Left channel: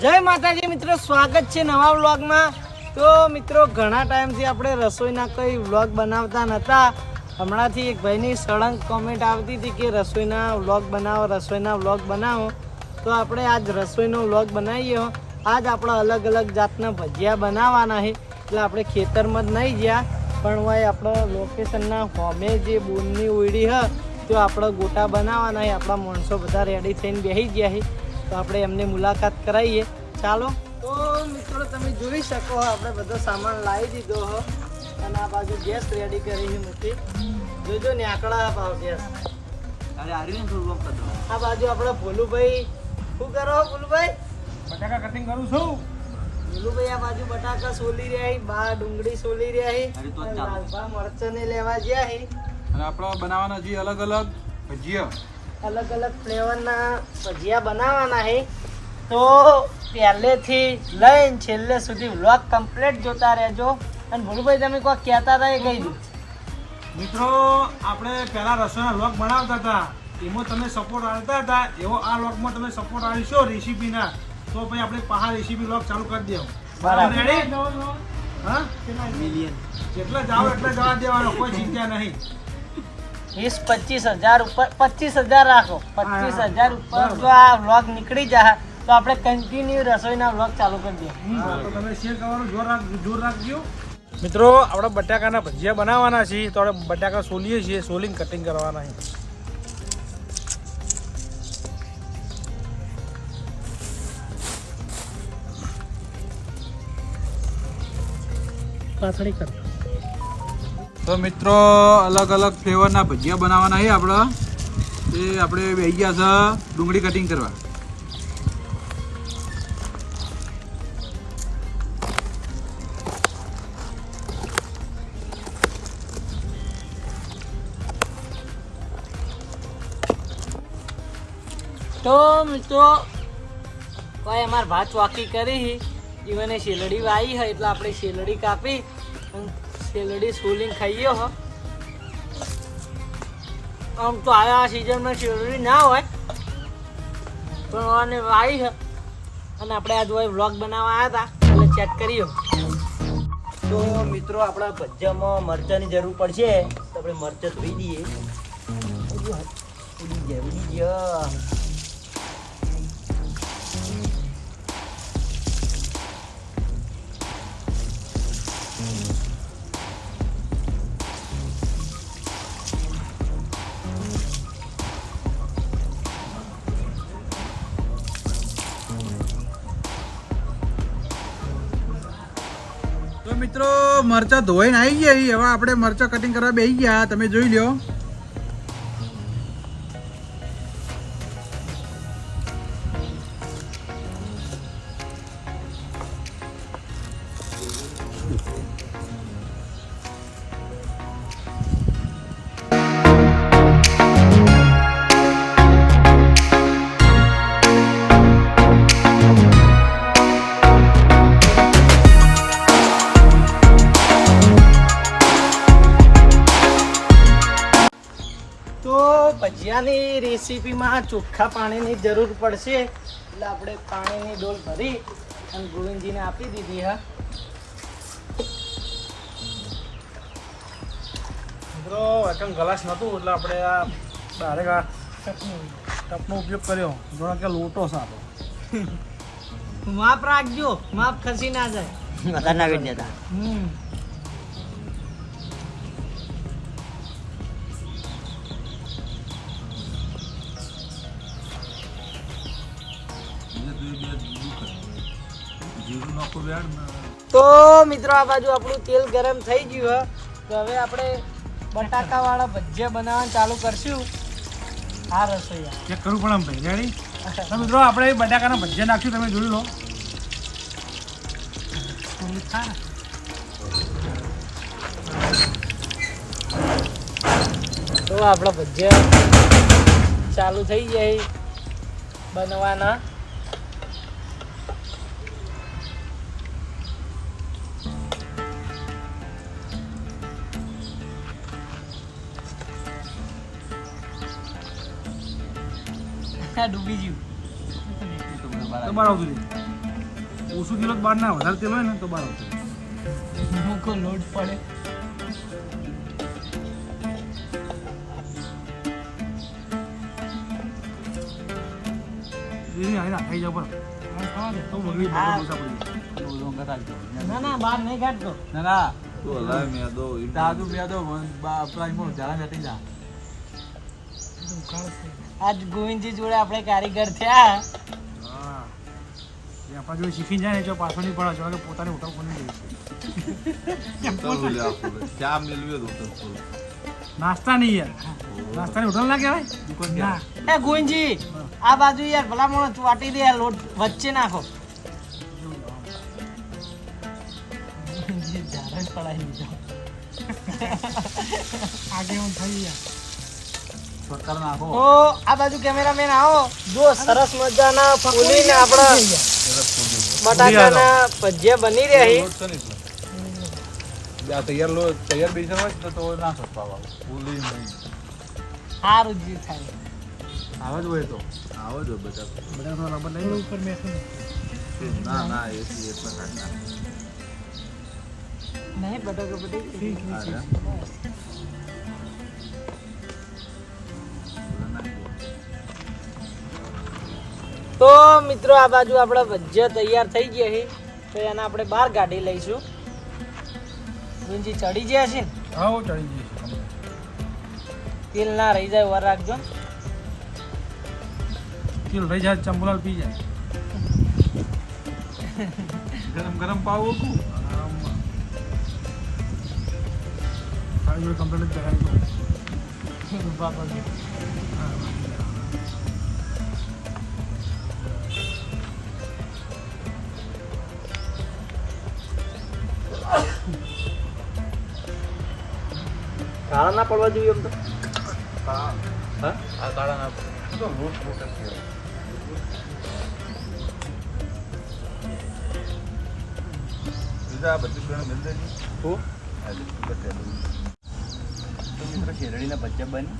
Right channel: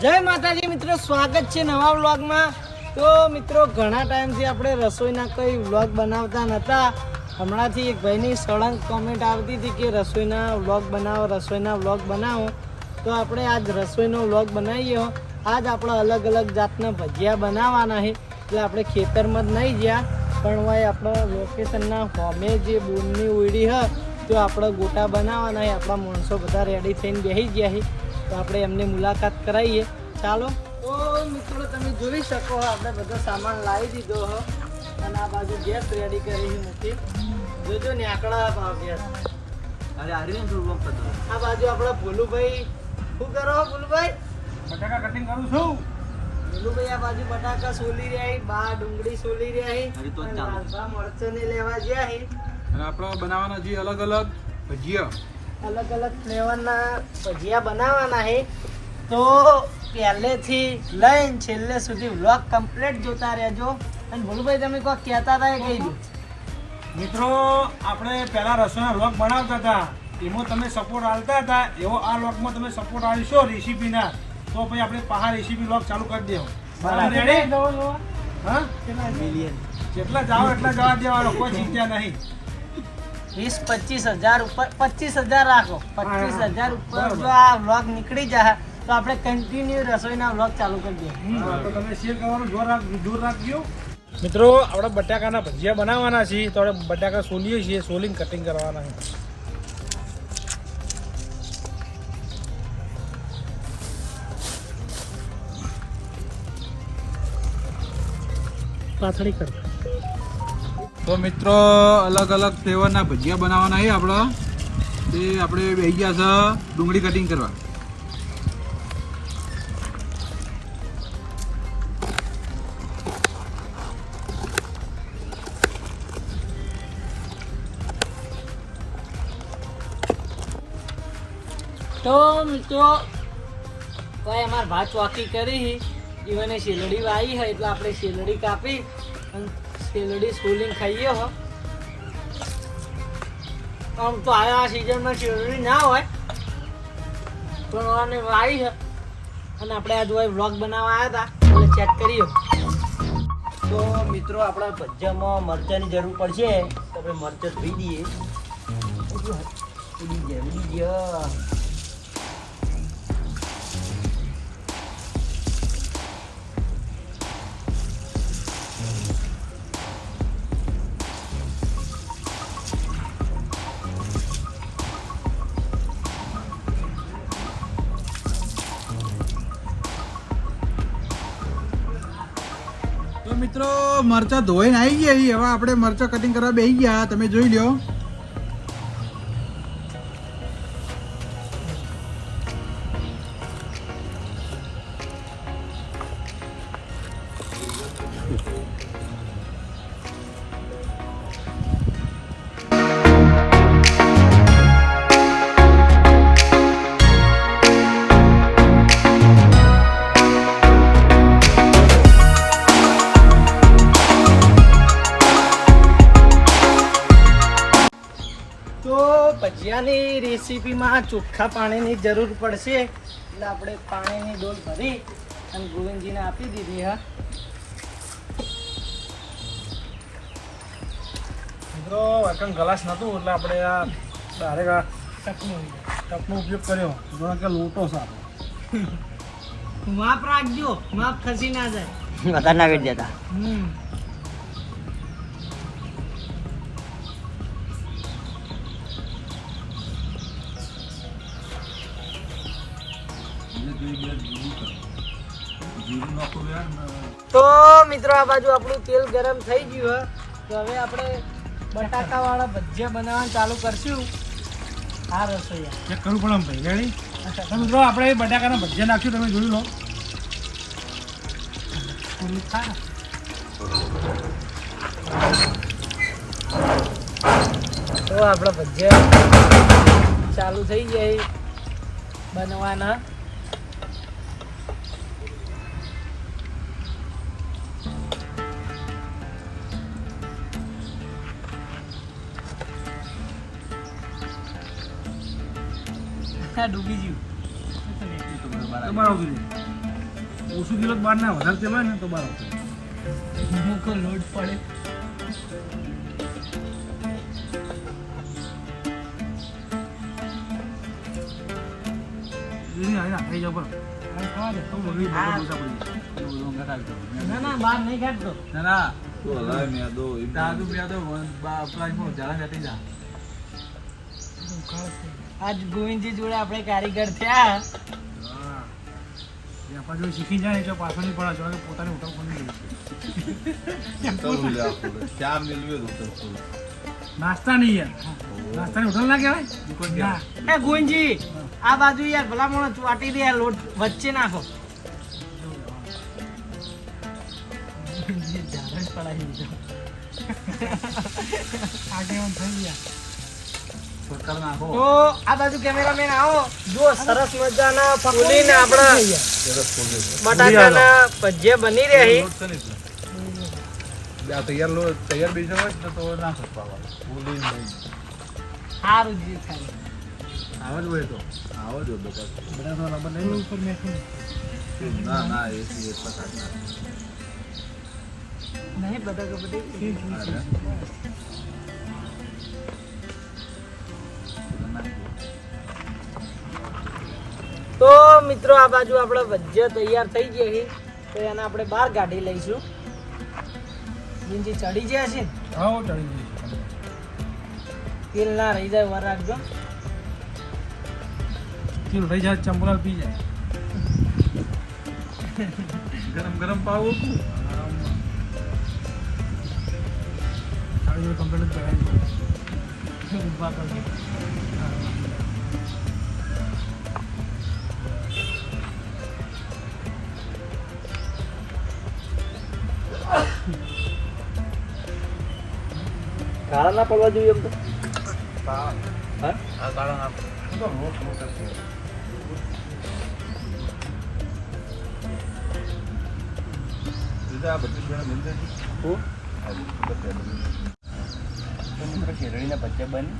જય માતાજી મિત્રો, સ્વાગત છે નવા વ્લોગમાં. તો મિત્રો, ઘણા ટાઈમથી આપણે રસોઈના કોઈ વ્લોગ બનાવતા નહોતા હમણાંથી એક ભાઈની સળંગ કોમેન્ટ આવતી હતી કે રસોઈના વ્લોગ બનાવો, રસોઈના વ્લોગ બનાવો. તો આપણે આજ રસોઈનો વ્લોગ બનાવીએ. આજ આપણે અલગ અલગ જાતના ભજીયા બનાવવાના છે. એટલે આપણે ખેતરમાં જ નહીં ગયા. પણ હોય આપણા લોકેશનના હોમે જે બૂનની ઉડી હ તો આપણે ગોટા બનાવવાના છે આપણા માણસો બધા રેડી થઈને બેસી ગયા છે તો આપણે એમની મુલાકાત કરાવીએ. ચાલો. તો મિત્રો તમે જોઈ શકો આપણે બધો સામાન લાવી દીધો હો. અને આ બાજુ ગેસ રેડી કરી છે મૂકી. જોજો ને આકડા ભાવ ગેસ અરે વખત હતો આ બાજુ આપણો ભોલુભાઈ શું કરો છો ભોલુભાઈ? બટાકા કટિંગ કરું છું. ભોલુભાઈ આ બાજુ બટાકા સોલી રહ્યા છે બા ડુંગળી સોલી રહ્યા મરચા ને લેવા ગયા છે. અને આપણે બનાવવાના જે અલગ અલગ ભજીયા. અલગ અલગ ફ્લેવરના ભજીયા બનાવવાના છે. તો પહેલેથી લઈને છેલ્લે સુધી વ્લોગ કમ્પ્લીટ જોતા રહેજો. અને ભૂલભાઈ તમે કોઈ કહેતા હતા એ કહી મિત્રો આપણે પહેલાં રસોઈના વ્લોગ બનાવતા હતા. એમાં તમે સપોર્ટ આપતા હતા. એવો આ વ્લોગમાં તમે સપોર્ટ આવીશો રેસીપીના. તો પછી આપણે પહાડ રેસીપી વ્લોગ ચાલુ કરી દેવું. બરાબર? હા? જેટલા જાઓ એટલા જવા દેવાનો. કોઈ ચિંતા નહીં. વીસ પચીસ હજાર ઉપર પચીસ હજાર રાખો. પચીસ હજાર ઉપર જો આ વ્લોગ નીકળી જાય તો આપણે કન્ટિન્યુ રસોઈના વ્લોગ ચાલુ કરી દઈએ. તો તમે શેર કરવાનું જોર જોર રાખજો. મિત્રો આપણે બટાકાના ભજીયા બનાવવાના છીએ તો આપણે બટાકા સોલીએ છીએ સોલિંગ કટિંગ કરવાના છે. પાથડી કર. તો મિત્રો, અલગ અલગ ફ્લેવરના ભજીયા બનાવવાના છે આપણે. તે આપણે બેસી ગયા છે ડુંગળી કટિંગ કરવા. તો મિત્રો ભાઈ અમારે ભાત વાકી કરી જીવને શેલડી વાવી હોય એટલે આપણે શેલડી કાપી શેલડી સોલિંગ ખાઈએ હો. આમ તો આ સિઝનમાં શેલડી ના હોય, પણ આને આવી છે. અને આપણે આ હોય વ્લોગ બનાવવા આવ્યા હતા, એટલે ચેક કરીએ તો મિત્રો, આપણા ભજ્જામાં મરચાંની જરૂર પડશે, તો આપણે મરચાં ધોઈ દઈએ. ઉડી જાય ઉડી જાય તો મિત્રો, મરચા ધોઈને આવી ગયા. હવે આપણે મરચા કટિંગ કરવા બેસી ગયા તમે જોઈ લ્યો ભજીયાની રેસીપીમાં ચોખ્ખા પાણીની જરૂર પડશે. એટલે આપણે પાણીની ડોલ ભરી અને ગોવિંદજીને આપી દીધી હા. મિત્રો એકમ ગ્લાસ નહોતું એટલે આપણે આ ડાયરેક્ટ આ ટપનું. ટપનો ઉપયોગ કર્યો. ઘણો કે લોટો સારો માપ રાખજો માપ ખસી ના જાય. વધારે ના કરી દેતા. હમ. તો મિત્રો આ બાજુ આપણું તેલ ગરમ થઈ ગયું હે. તો હવે આપણે બટાકા વાળા ભજીયા બનાવવાનું ચાલુ કરશું. આ રસોઈયા. ચેક કરવું પણ આમ ભાઈ રેડી તો મિત્રો આપણે બટાકાના ભજીયા નાખ્યું તમે જોઈ લો. તો આપણા ભજીયા ચાલુ થઈ જાય બનવાના. આ ડૂબી ગયું? તો બાર આવતું ઓછું કિલો બાર ના વધારે તેલ હોય ને તો બાર આવતું મૂકો લોડ પડે. જાવ પણ. દે, તો બગડી બગડી. ના ના બહાર નહીં કાઢતો ના ના. તો હલાય મેં દો દાદુ બે તો પ્લાન જરા જતી જા આજ ગોવિંદજી જોડે આપણે કારીગર થયા. હા. એ શીખી જાય ને એટલે પાછો નહીં પડે જો પોતાની ફૂલ નાસ્તા નહીં યાર. નાસ્તાની હોટલ ના કહેવાય? ના. એ ગોવિંદજી આ બાજુ યાર ભલા મોણ ચોટી દે આ લોટ વચ્ચે નાખો. પડાવી થઈ ગયા. છોટકાર નાખો તો આ બાજુ કેમેરામેન આવો. જો સરસ મજાના ફૂલીને આપણા બટાકાના ભજીયા બની રહ્યા લોટ છે ને. આ તૈયાર લો તૈયાર હોય તો નાખો પાવા ફૂલી સારું જી ખાલી. આવા જ હોય તો. આવો જો બેટા બધા. ઉપર ના. ના એ ના નહીં બટાકા. બધા તો મિત્રો આ બાજુ આપણે ભજીયા તૈયાર થઈ ગયા છે તો એને આપણે બહાર કાઢી લઈશું. ગુંજી ચડી ગયા છે? હા ચડી જઈશ તેલ ના રહી જાય વાર રાખજો. તેલ રહી જાય ચંપલાલ પી જાય. ગરમ ગરમ પાવો કુ ખાલી જોડે કમ્પ્લીટ કરાવી મિલ ના પડવા જોઈએ એમ તો. શેરડીના બચ્ચા બની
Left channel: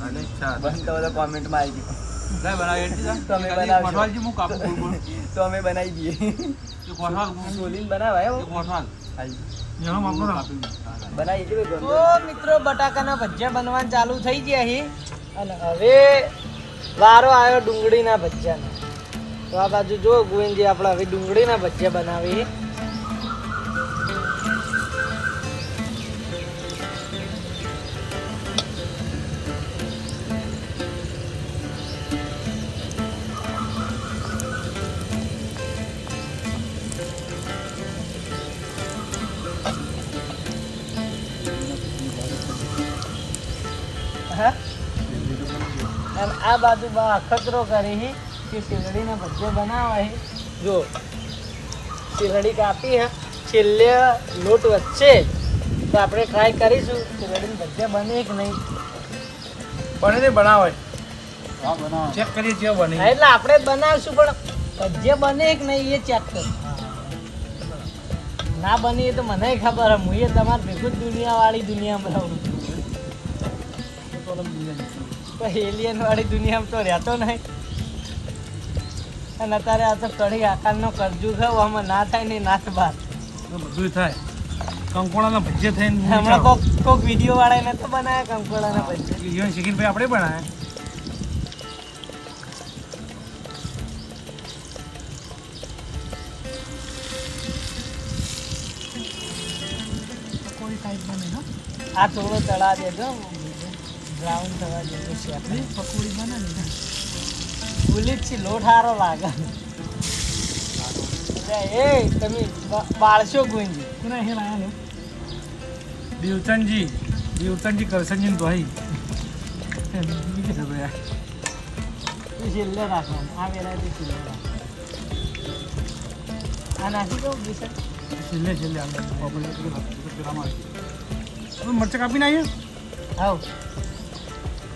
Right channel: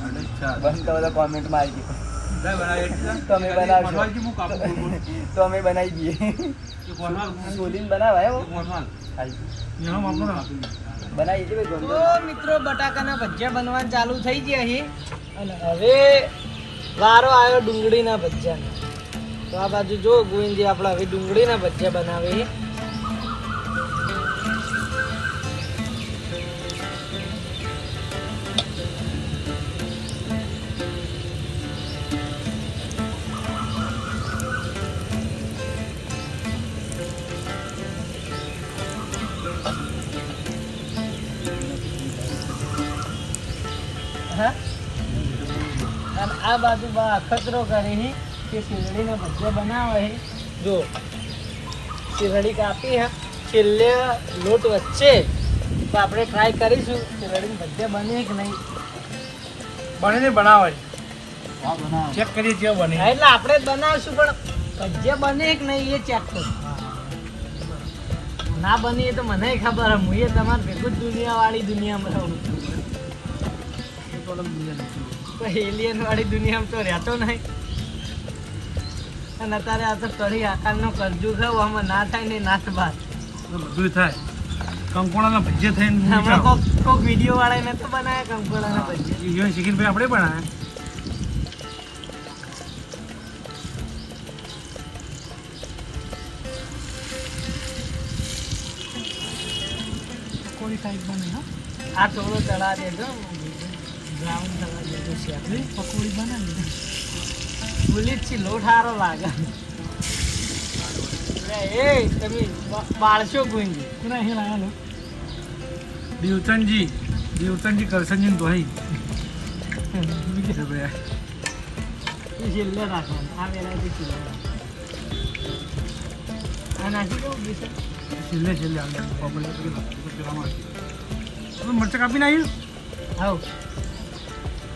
અને ચા. બસ તો અમે બનાવી દઈએ. બનાવાય બનાવી દઈએ તો મિત્રો બટાકાના ભજીયા બનવાનું ચાલુ થઈ ગયા અહીં. અને હવે વારો આવ્યો ડુંગળીના ભજીયાનો. તો આ બાજુ જો ગોવિંદજી આપણે હવે ડુંગળીના ભજીયા બનાવીએ બાજુ અખતરો કરી છે કે શેરડીના ભજીયા બનાવે જો શેરડી કાપી હે છેલ્લે લોટ વચ્ચે તો આપણે ટ્રાય કરીશું. શેરડીના ભજીયા બને કે નહીં? બને ને બનાવે ચેક કરીએ કેવો બને. એટલે આપણે જ બનાવશું પણ ભજીયા બને કે નહીં એ ચેક કર. ના બની એ તો મને ખબર હે એ તમારે ભેગું જ દુનિયાવાળી દુનિયામાં રહું તો એલિયન વાળી દુનિયામાં તો રહેતો નહીં. અને અત્યારે આ તો કઢી આકારનો કરજુ થયો આમાં ના થાય ને નાથ બાર બધું થાય. કંકોડાના ભજીયા થઈને હમણાં કોક કોક વીડિયો વાળા એને તો બનાવ્યા કંકોડાના ભજીયા? ઈવન શીખીને ભાઈ આપણે બનાવ્યા. આ થોડો ચડા દેજો. બ્રાઉન થવા દેજો છે. આપણે પકોડી બનાવી છી લોટ સારો લાગે. એ તમે બાળશો ગુંજી. કોને હે લાયા લો? દેવતનજી દેવચંદજી કરસનજી ભાઈ. બીજે છે ભાઈ છેલ્લે રાખવાનું. આ વેરાયટી છેલ્લે રાખવાનું આ નાખી કેવું બેસન છેલ્લે છેલ્લે હવે મરચાં કાપીને આવ્યું આવ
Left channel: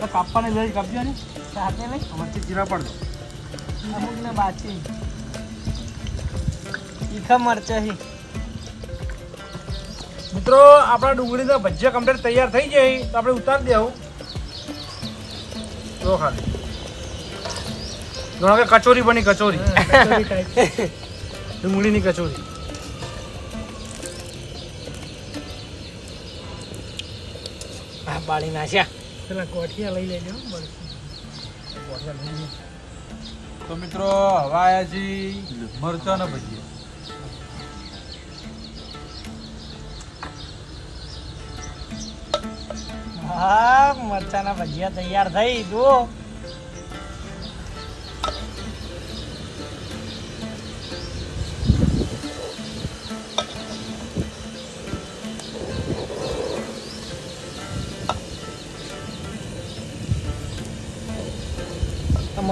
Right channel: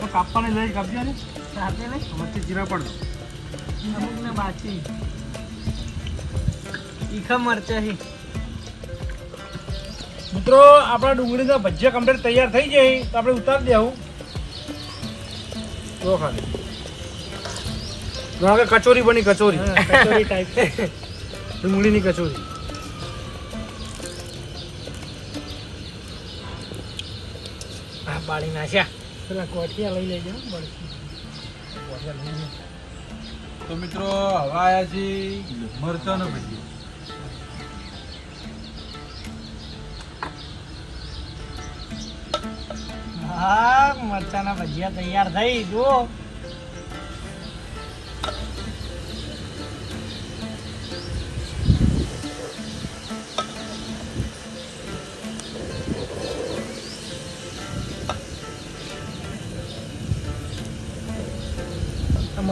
તો કાપવાને લઈ કાપજો ને. સાથે ને. મરચી જીરા પડ અમુક ને બાચી તીખા મરચા હી. મિત્રો આપણા ડુંગળીના ભજીયા કમ્પ્લીટ તૈયાર થઈ જાય તો આપણે ઉતારી દેવું. તો ખાલી. જાણો કે કચોરી બની કચોરી. ડુંગળીની કચોરી. કોઠિયા લઈ લેજો તો મિત્રો, હવે આયા છીએ મરચાં ને ભજીયા મરચાના ભજીયા તૈયાર થઈ, જુઓ.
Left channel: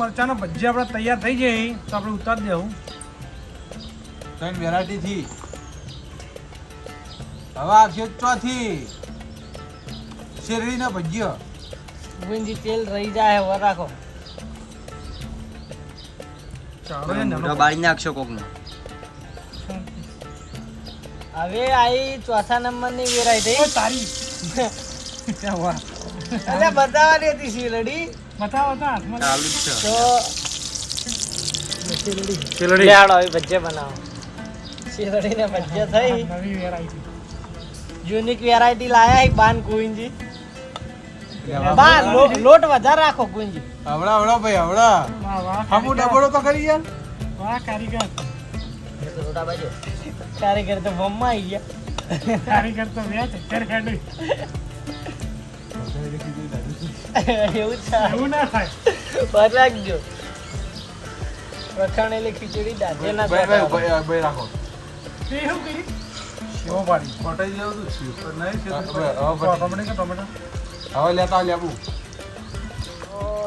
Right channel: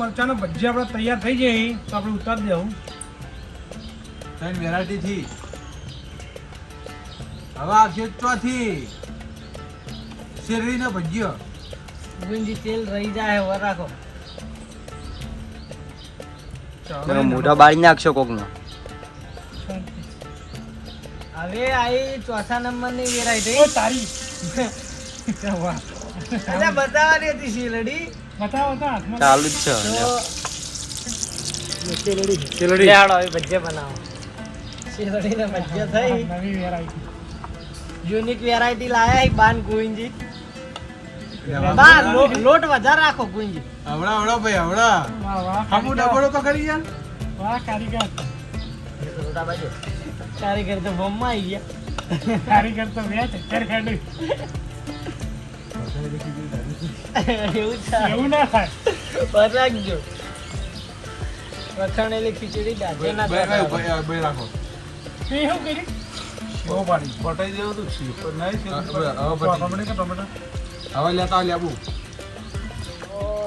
મરચાના ભજીયા આપણે તૈયાર થઈ જાય તો આપણે ઉતારી દેવું. ત્રણ વેરાયટી થી. હવે આ છે ચોથી. શેરડીના ભજીયા. ગુંજી તેલ રહી જાય હવે રાખો. મોઢા બાળી નાખશો કોકનો. હવે આઈ ચોથા નંબરની વેરાયટી ઓ તારી. વાહ. અરે બતાવવાની હતી શીલડી બતાવો તો હાથમાં. ચાલુ જ છે તો શીલડી શીલડી. લેહાડો હવે ભજીયા બનાવો. શીલડીને ભજીયા થઈ. નવી વેરાયટી યુનિક વેરાયટી લાયા હી બાન ગુંજી બા લોટ વધારે રાખો ગુંજી હવડા હવડા ભાઈ હવડા વાહ ડબડો તો કરી યાર. વાહ કારીગર. કારીગર તો બમ્મા આવી ગયા. કારીગર તો વેચ ચક્કર હેડી એવું છે? એવું ના થાય ખીચડી દાઢે ના ભાઈ તે છે પણ નહીં છે ટમેટો હવે લેતા લેબુ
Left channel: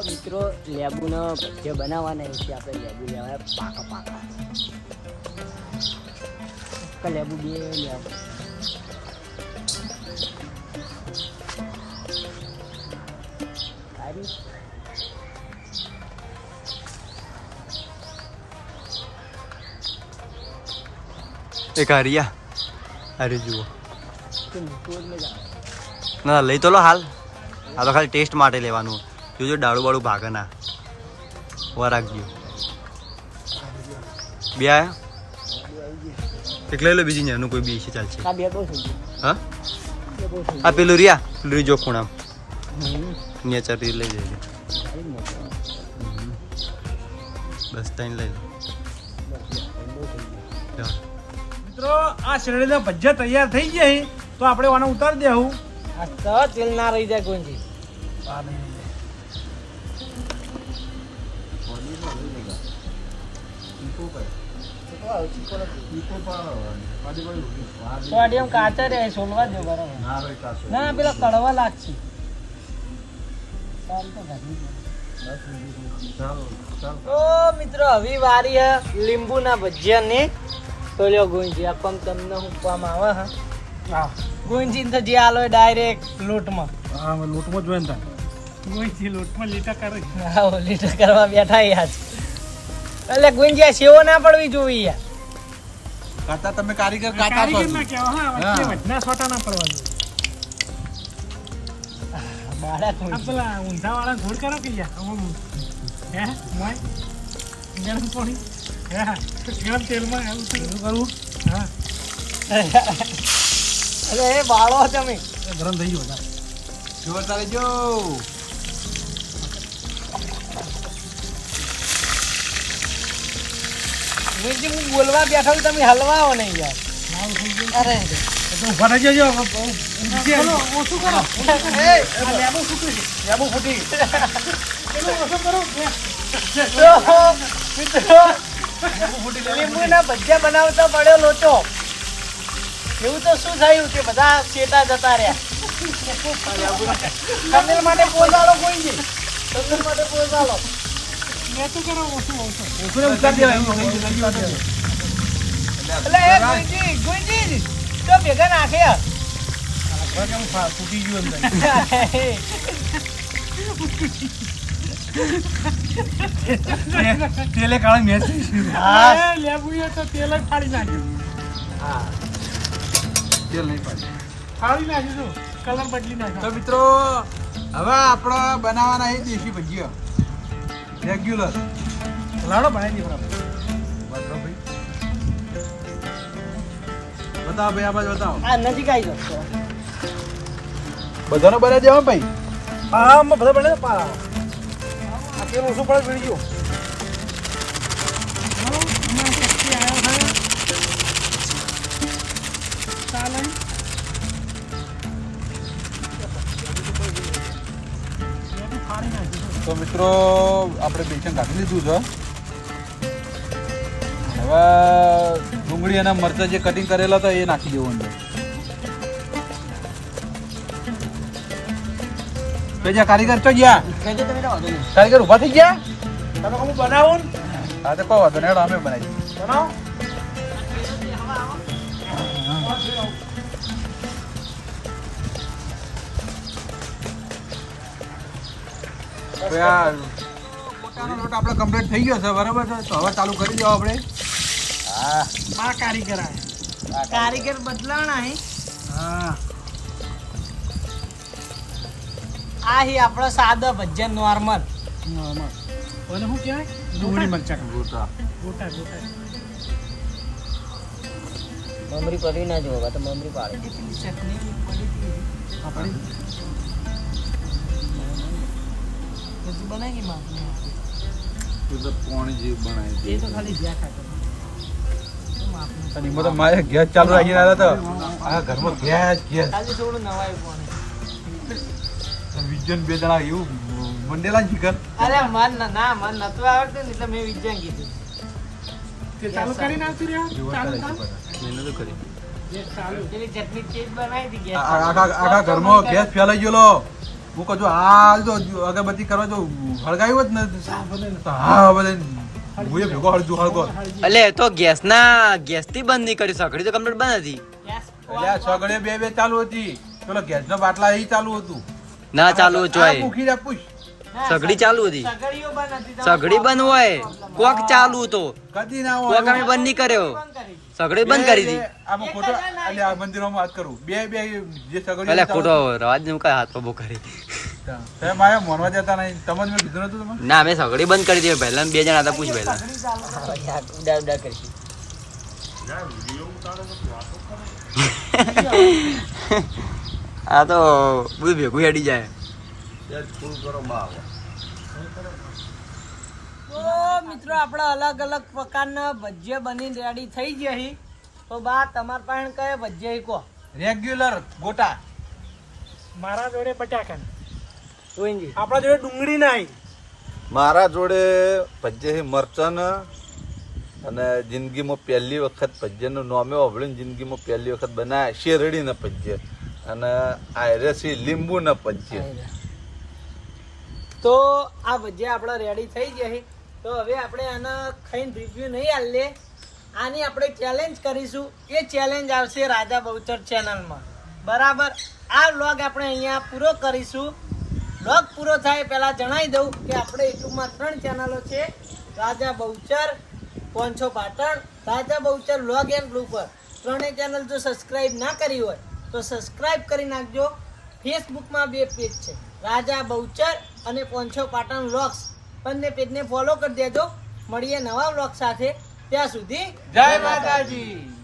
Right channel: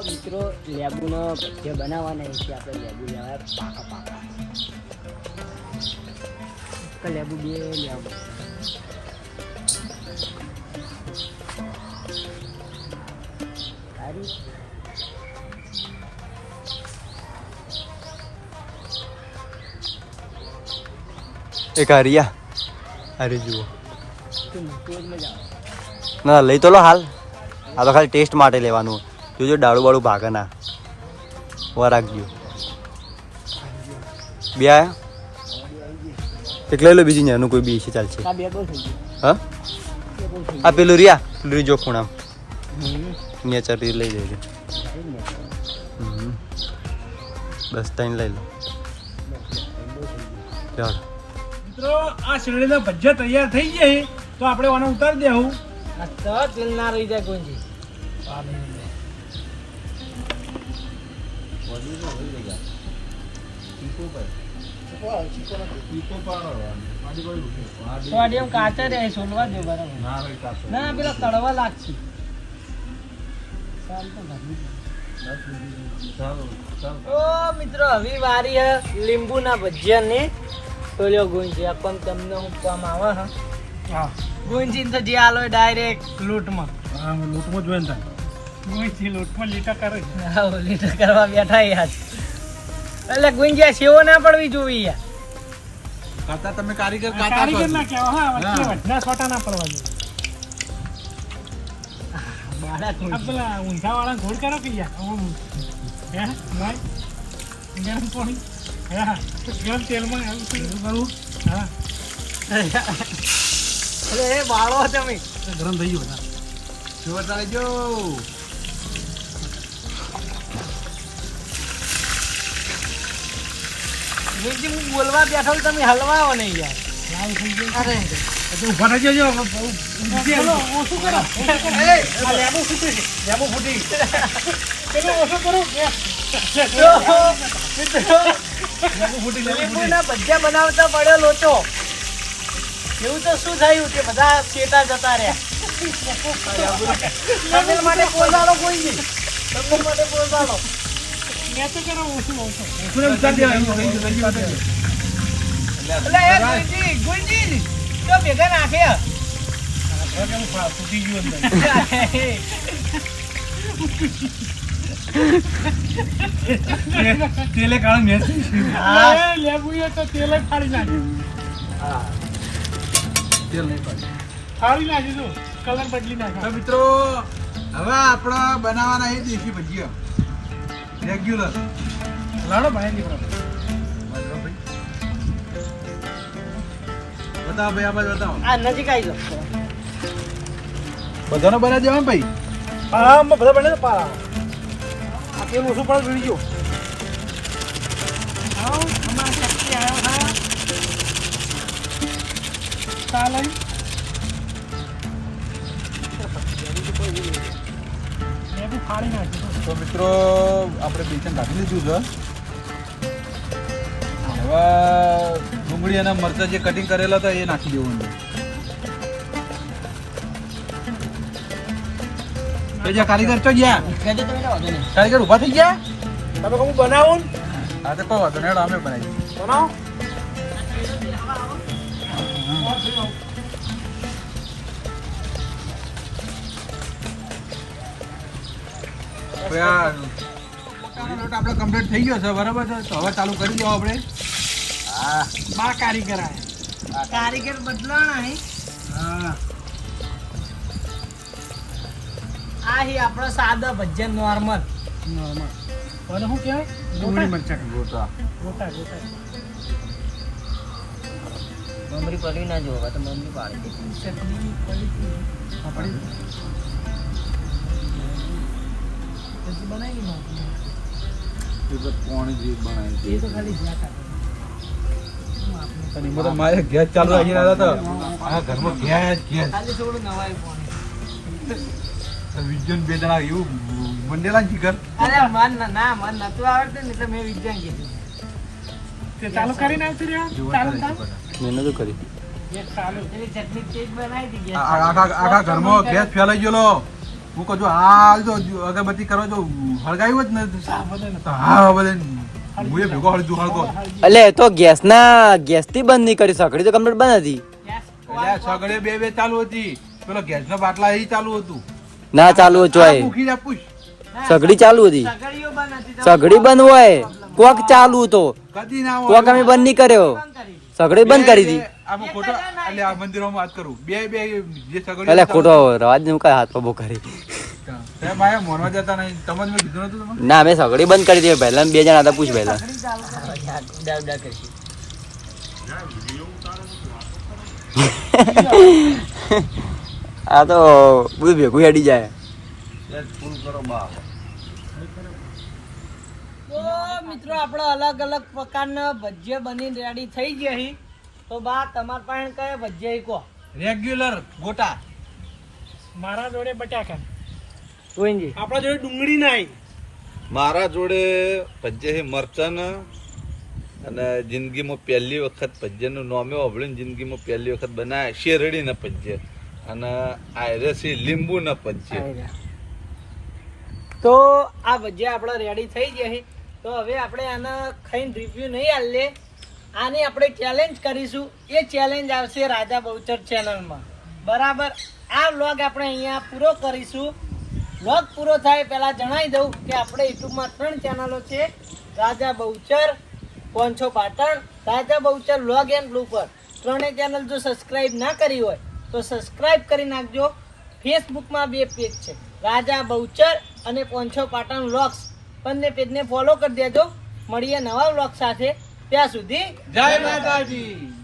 મિત્રો લેબુનો બનાવવાના છે આપણે લેબુ લેવાય પાકા પાકા લેબુ બે લેબુ એક હરિયા અરે જુઓ. ના લઈ તો લો હાલ. આ તો ખાલી ટેસ્ટ માટે લેવાનું. જોજો ડાળું બાળું ભાગે ના. વા રાખજો. બે આયા? એક લઈ લો બીજી નાનું કોઈ બી છે ચાલશે. હા? આ પેલું રિયા પેલું જો ખૂણામ. નેચર લઈ લેજો બસ ત્રણ લઈ લો. મિત્રો આ શેરડીના ભજીયા તૈયાર થઈ જાય તો આપણે આને ઉતારી દેવું આ તો તેલ ના રહી જાય ગુંજી થોડી એમ કાચા રે સોનવા દે બરાબર. ના પેલા કડવા લાગશે. જાય. મિત્રો હવે વારી હે લીંબુના ભજીયાની. તો લ્યો ગુંજી આ પણ તમને મૂકવામાં આવે હા? હા. ગુંજી તો જે આલો ડાયરેક્ટ લોટમાં. હા લોટમાં જોઈને થાય ગોઈથી લોટમાં લીટા કરે આવો લીટર કરવા બેઠા યાર. એટલે ગુંજી સેવો ના પડવી જોઈએ યાર. કાતા તમે કારીગર કાતા કારીગર ના કેવા હા વચ્ચે. છોટા ના પડવા જોઈએ. પેલા ઊંધા વાળા ઘોડ કરો કે યાર હે ગરમ પાણી? હા ગરમ તેલમાં આવું કરવું? હા. અરે એ બાળો તમે. ગરમ થઈ ગયું તારે જો. બોલવા બેઠો છું, તમે હલવાઓ નહીં યાર. અરે તો ઓછું કરો ઓછો કરો બનાવતા પડ્યો લોચો એવું તો શું થયું કે બધા ચેતા જતા રહ્યા માટે પોઝાડો કોઈ નહીં માટે પોઝાડો ઓછું ઉતારી દેવાય. એટલે એ ગુંજી ગુંજી તો ભેગા નાખે હવે કેમ ફા- ફૂટી ગયું અંદર. તે- તેલે કાળા નાખ્યું. ગયું. તેલ નહીં પાડ્યું. તો મિત્રો હવે આપણે બનાવવાના છે દેશી ભજીયા. રેગ્યુલર લાડો ભાઈ બરાબર. બતાવો ભાઈ આ બાજુ બતાવો. આ નજીક આવી જાવ બધાનો બનાવી દેવા ભાઈ? પારામાં બધા બને ને પારામાં. આ તેલ ઓછું પડે જોઈ ગયો. તો મિત્રો આપણે બેસન રાખી લીધું છે. હવે ડુંગળી અને મરચાં જે કટિંગ કરેલા હતા એ નાખી દેવું અંદર. જ્યાં કારીગર તો ગયા. કારીગર ઊભા થઈ ગયા? તમે કહું બનાવો? આજે તો કહો વાંધો નહીં અમે બનાવી બનાવો? આપણે કમ્પ્લીટ થઈ ગયો છે બરાબર છે? તો હવે ચાલુ કરી દો આપણે. બા કારીગર આયા. કારીગર બદલાણા હે? હા. આ હી આપણો સાદો ભજન નોર્મલ. અને શું કહેવાય? ડુંગળી મરચા. ગોટા. ગોટા ગોટા. મમરી પડી ના જોવા તો મમરી પાડી પછી બનાવી માં કોણ જે બનાવી એ તો ખાલી જ્યાં ખાતો અને એમાં તો મારે ગેસ ચાલુ આ ઘરમાં ગેસ ગેસ ખાલી થોડું નવાઈ પાણી વિજ્ઞાન બે જણા એવું મંડેલા ને અરે મન ના ના મન નતું આવડતું ને એટલે મેં વિજ્ઞાન કીધું. ચાલુ કરીને આવતી રહ્યા? ચાલુ કામ? મેં નતું કર્યું. એ ચાલુ. પેલી ચટણી તેજ બનાવી હતી આ- આ- આખા આખા ઘરમાં ગેસ ફેલાઈ ગયો હું કહું છું હાલ જો અગરબત્તી કરવા જો હળગાયું જ ને હા બધે હું એ ભેગો હળજુ હળગો એટલે એ તો ગેસના ગેસથી બંધ નહીં કરી સકડી તો કમ્પ્લીટ બંધ હતી. સગડે બે બે ચાલુ હતી. પેલો ગેસનો બાટલા એ ચાલુ હતું. ના ચાલુ ચોય સગડી ચાલુ હતી. સગડીઓ બંધ હતી સગડી બંધ હોય. કોક ચાલુ હતો કોક અમે બંધ નહીં કર્યો. સગડી બંધ કરી હતી. આમાં ખોટો એટલે આ મંદિરોમાં વાત કરું. બે બે જે સગડી એટલે ખોટો રવાજનું કઈ હાથ પબો કરી. ના મેં સગડી બંધ કરી દીધી પહેલા બે જણા હતા પૂછ પહેલા. ઉડા ઉડા કરશે આ તો બધું ભેગું હેડી જાય. મિત્રો આપણે અલગ અલગ પ્રકારના ભજીયા બની રેડી થઈ ગયા હી. તો બા તમારા પાસે કયા ભજીયા કો કહો? રેગ્યુલર ગોટા. મારા જોડે બટાકા આપણા જોડે ડુંગળી નહીં મારા જોડે ભજ્ય મરચન અને જિંદગીમાં પહેલી વખત ભજ્યનું નામે ઓભળીને જિંદગીમાં પહેલી વખત બનાવ્યા શેરડીના પજ્જે અને આયરસી લીંબુના પજ્જે તો આ ભજીયા આપણે રેડી થઈ ગયા છે. તો હવે આપણે આના ખાઈને રિવ્યુ નહીં આલે. આની આપણે ચેલેન્જ કરીશું. એ ચેલેન્જ આવશે રાજા બહુચર ચેનલમાં બરાબર? આ વ્લોગ આપણે અહીંયા પૂરો કરીશું. વ્લોગ પૂરો થાય, પહેલાં જણાવી દઉં કે આપણે યુટ્યુબમાં ત્રણ ચેનલો છે. Raja Bahuchar પોંછો Patan, Raja Bahuchar vlog and blooper ત્રણેય ચેનલ જો સબસ્ક્રાઈબ ના કરી હોય, તો સબસ્ક્રાઈબ કરી નાખજો. ફેસબુકમાં બે પેજ છે. રાજા બહુચર અને પોંછો પાટણ વ્લોગ્સ બંને પેજને ફોલો કરી દેજો. મળીએ નવા વ્લોગ સાથે. ત્યાં સુધી જય માતાજી.